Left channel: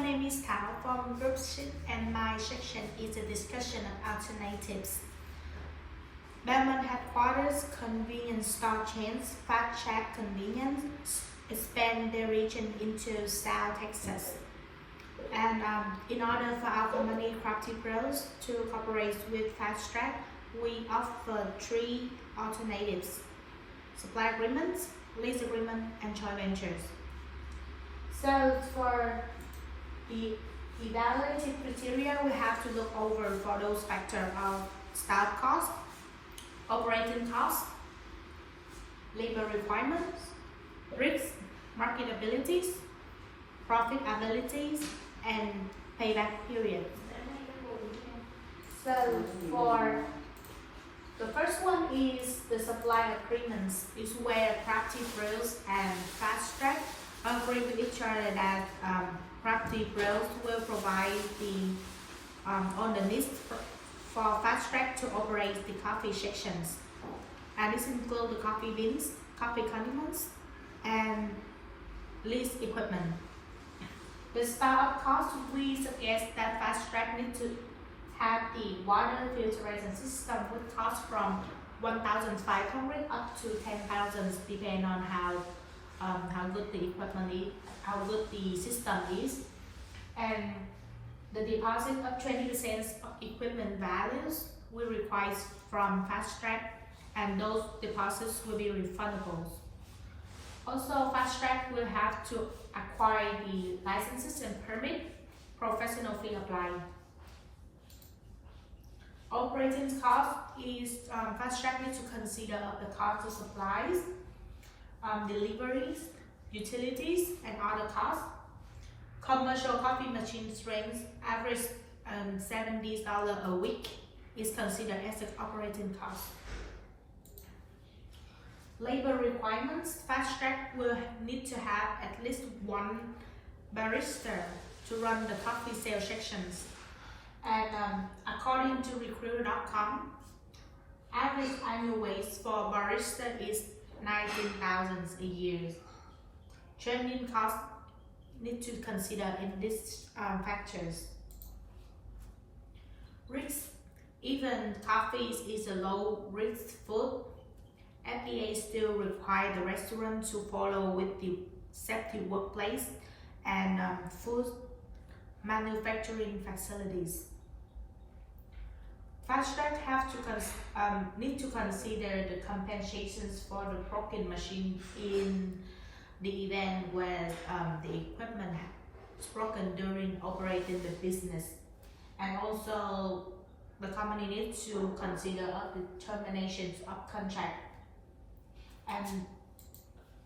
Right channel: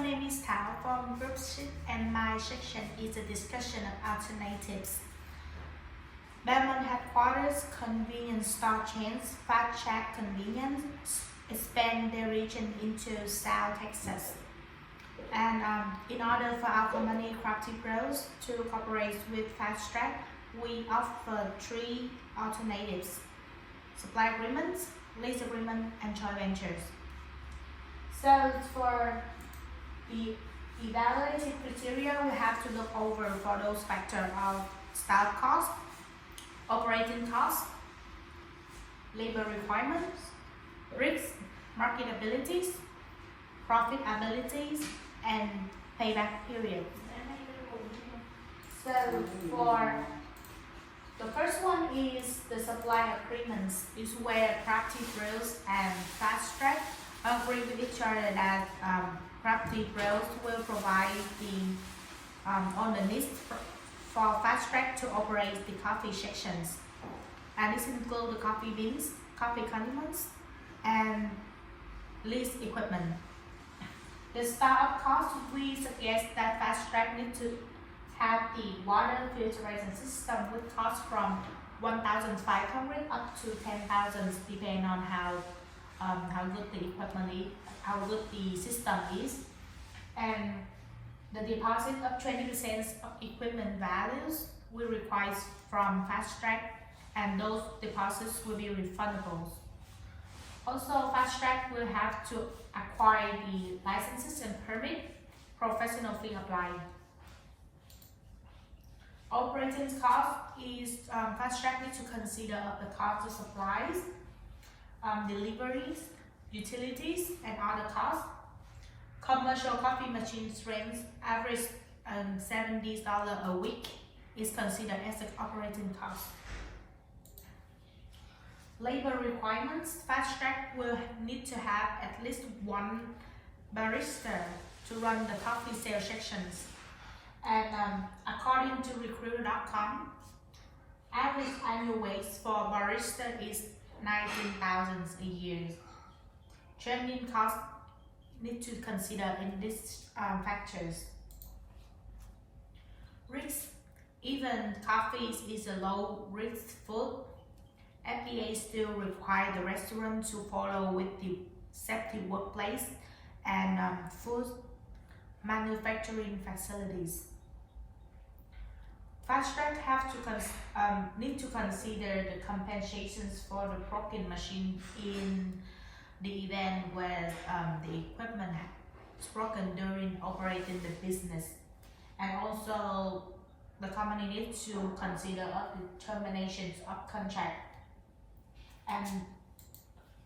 my name is Thảo from Group 6 and my section is a discussion of alternatives. Belmont headquarters convenience store chains Fast Track Convenience expand their region into South Texas. And in order for our company Crafty Bros to cooperate with Fast Track, we offer 3 alternatives: supply agreements, lease agreement, and joint ventures. So for the evaluative criteria, we have to look over for those factors of start cost, operating cost, labor requirements, risk, marketabilities, profitabilities, and payback period. So for the first one is the supply agreements, is where Crafty Bros and Fast Track agree with each other that Crafty Bros will provide the on the list for Fast Track to operate the coffee sections, and this includes the coffee beans, coffee condiments, and lease equipment. The startup cost, we suggest that Fast Track need to have the water filtration system, which costs from $1,500 up to $10,000, depending on how good the equipment is, how good the system is, and the deposit of 20% of equipment values we require from Fast Track, and those deposits will be refundable. Also, Fast Track will have to acquire the licenses and permit, professional fee applied. Operating cost is Fast Track needs to consider the cost of supplies, deliveries, utilities, and other costs. Commercial coffee machine strength average $70 a week is considered as an operating cost. Labor requirements, Fast Track will need to have at least 1 barista to run the coffee sales sections. And according to Recruiter.com, average annual wage for barista is $19,000 a year. Training costs need to consider in these factors. Risk, even coffee is a low risk food, FDA still require the restaurant to follow with the safety workplace and food manufacturing facilities. Fast Track have to need to consider the compensations for the broken machine in the event where the equipment is broken during operating the business, and also the company needs to consider the terminations of contract. And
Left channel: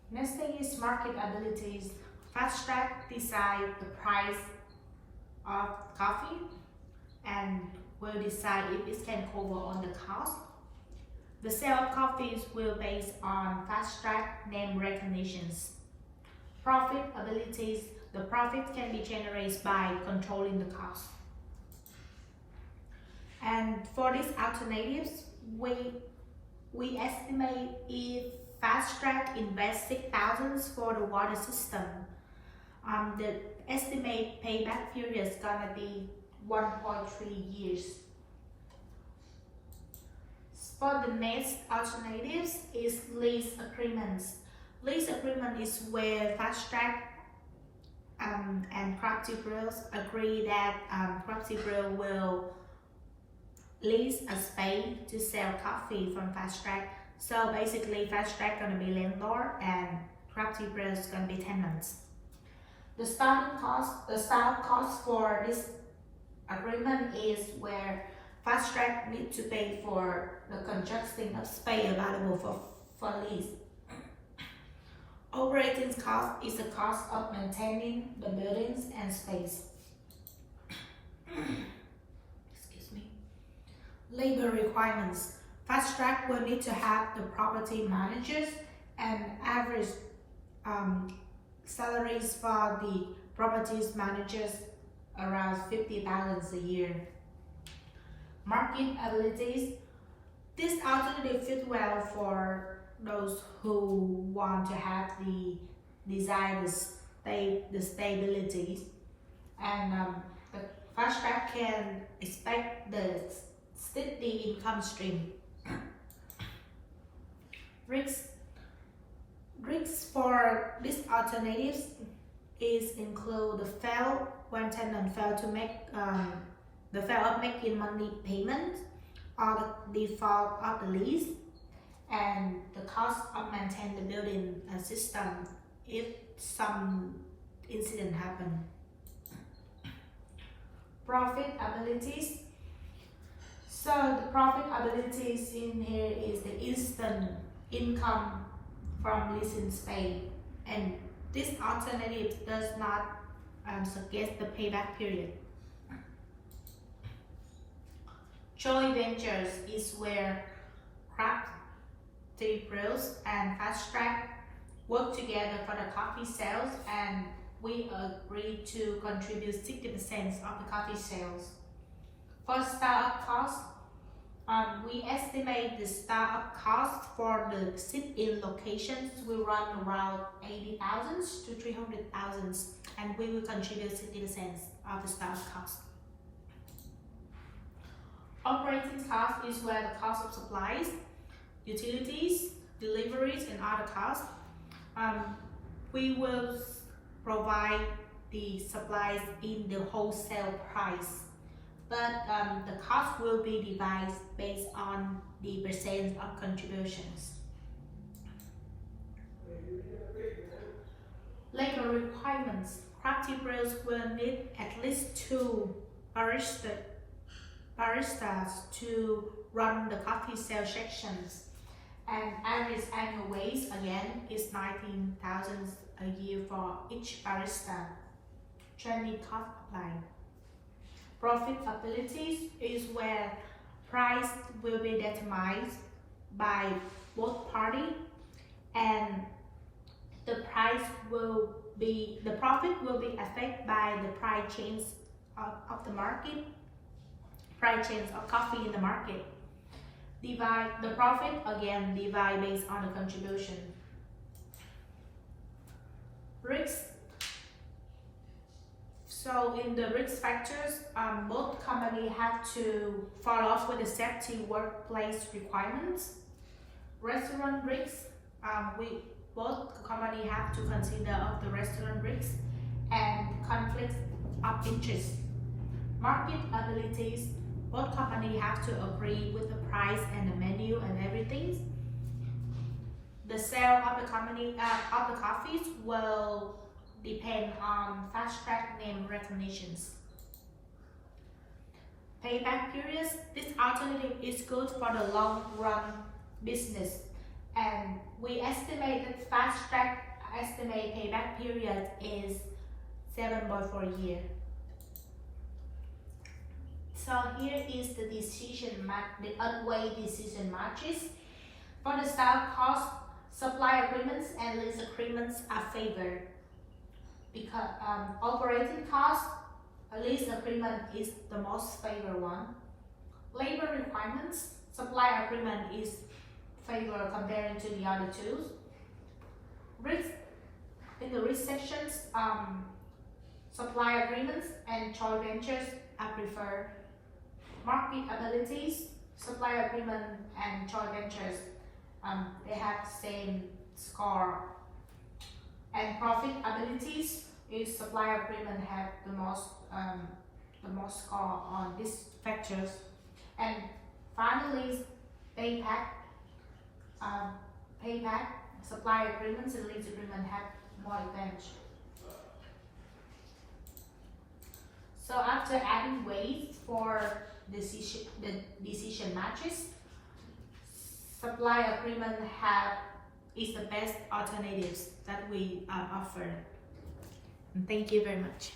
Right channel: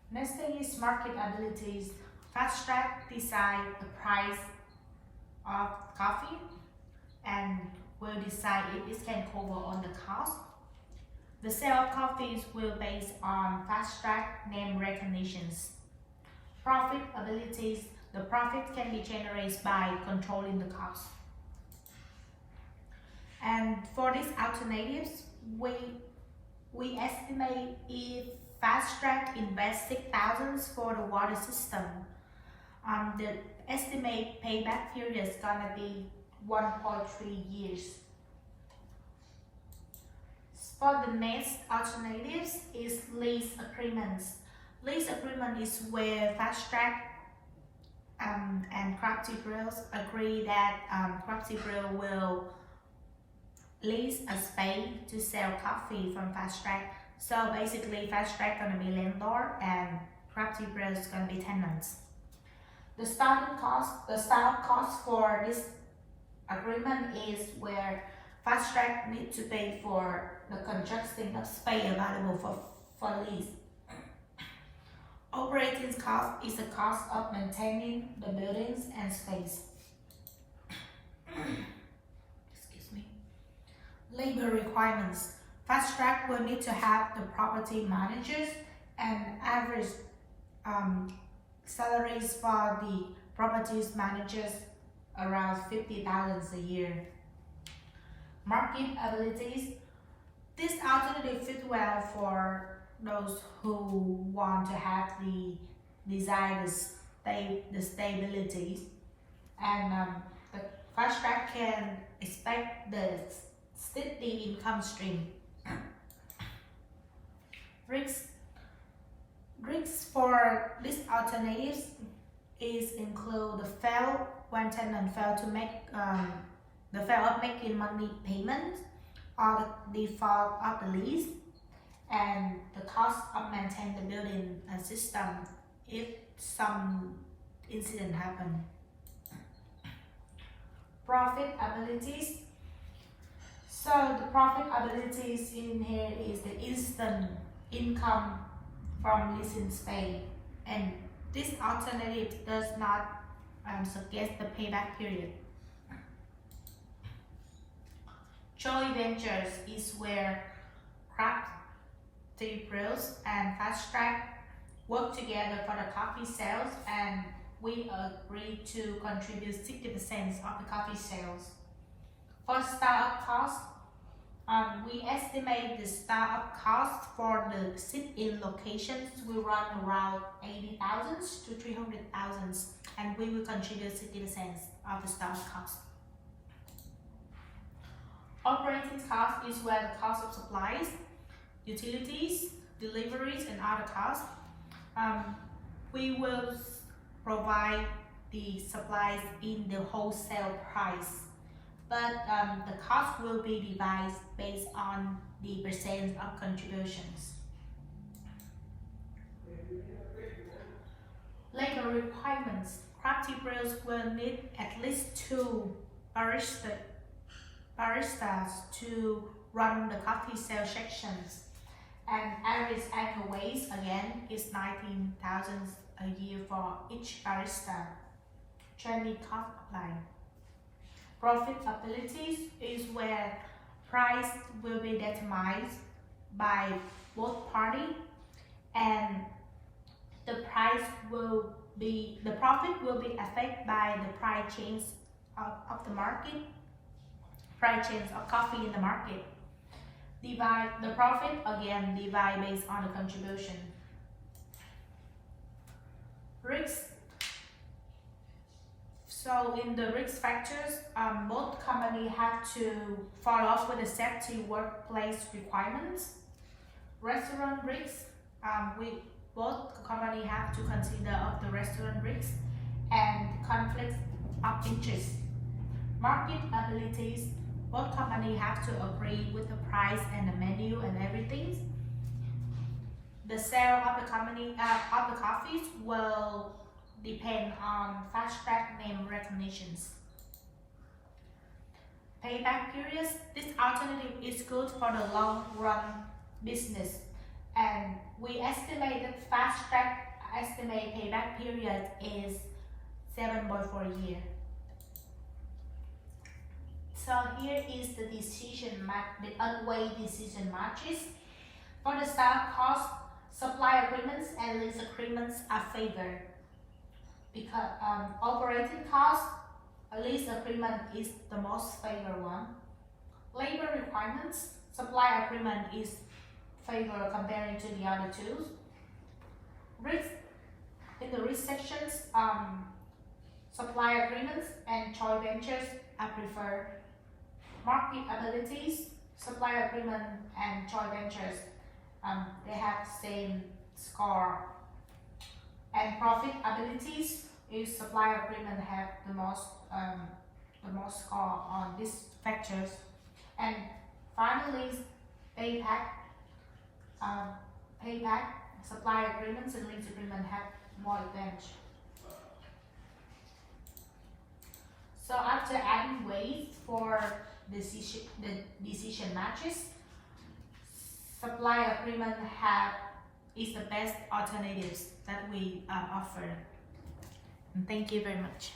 next thing is marketabilities. Fast Track decide the price of coffee and will decide if this can cover on the cost. The sale of coffees will base on Fast Track name recognitions. Profitabilities, the profit can be generated by controlling the cost. And for these alternatives, we estimate if Fast Track invests $6,000 for the water system, the estimate payback period is gonna be 1.3 years. For the next alternatives is lease agreements. Lease agreement is where Fast Track and Crafty Bros agree that Crafty Bros will lease a space to sell coffee from Fast Track. So basically, Fast Track gonna be landlord and Crafty Bros is gonna be tenants. The starting cost, the start cost for this agreement is where Fast Track needs to pay for the construction of space available for lease. Operating cost is the cost of maintaining the buildings and space. Excuse me. Labor requirements. Fast Track will need to have the property managers and average salaries for the properties managers around $50,000 a year. Market abilities. This alternative fit well for those who want to have the desired stability and the fast track can expect the steady income stream. Risks for these alternatives include the fail when tenant fail to make the fail of making money payment, or the default of the lease, and the cost of maintaining the building and system if some incident happen. Profitabilities. So the profitabilities in here is the instant income from leasing space, and this alternative does not suggest the payback period. Joint ventures is where Crafty Brews and Fast Track work together for the coffee sales, and we agree to contribute 60% of the coffee sales. For startup costs, we estimate the startup cost for the sit-in locations will run around 80,000 to 300,000, and we will contribute 60% of the startup cost. Operating cost is where the cost of supplies, utilities, deliveries, and other costs. We will provide the supplies in the wholesale price, but the cost will be divided based on the percent of contributions. Labor requirements. Crafty Brews will need at least 2 baristas to run the coffee sale sections, and average annual wage again is 19,000 a year for each barista. Training cost applied. Profitability is where price will be determined by both parties, and the profit will be affected by the price change of the market, price change of coffee in the market. Divide the profit again, divide based on the contribution. Risks. So in the risk factors, both companies have to follow up with the safety workplace requirements. Restaurant risks, both companies have to consider of the restaurant risks and conflicts of interest. Market abilities, both companies have to agree with the price and the menu and everything. The sale of the coffees will depend on Fast Track name recognitions. Payback periods. This alternative is good for the long run business, and we estimate that Fast Track estimate payback period is 7.4 years. So here is the unweighed decision matches. For the startup cost, supply agreements and lease agreements are favored. Because operating cost, a lease agreement is the most favored one. Labor requirements, supply agreement is favored comparing to the other two. Risk, in the risk sections, supply agreements and joint ventures are preferred. Market abilities, supply agreement and joint ventures, they have the same score. And profit abilities is supply agreement have the most score on these factors. And finally, payback, supply agreements and lease agreement have more advantage. So after adding weight for the decision matches, supply agreement is the best alternatives that we offer. And thank you very much.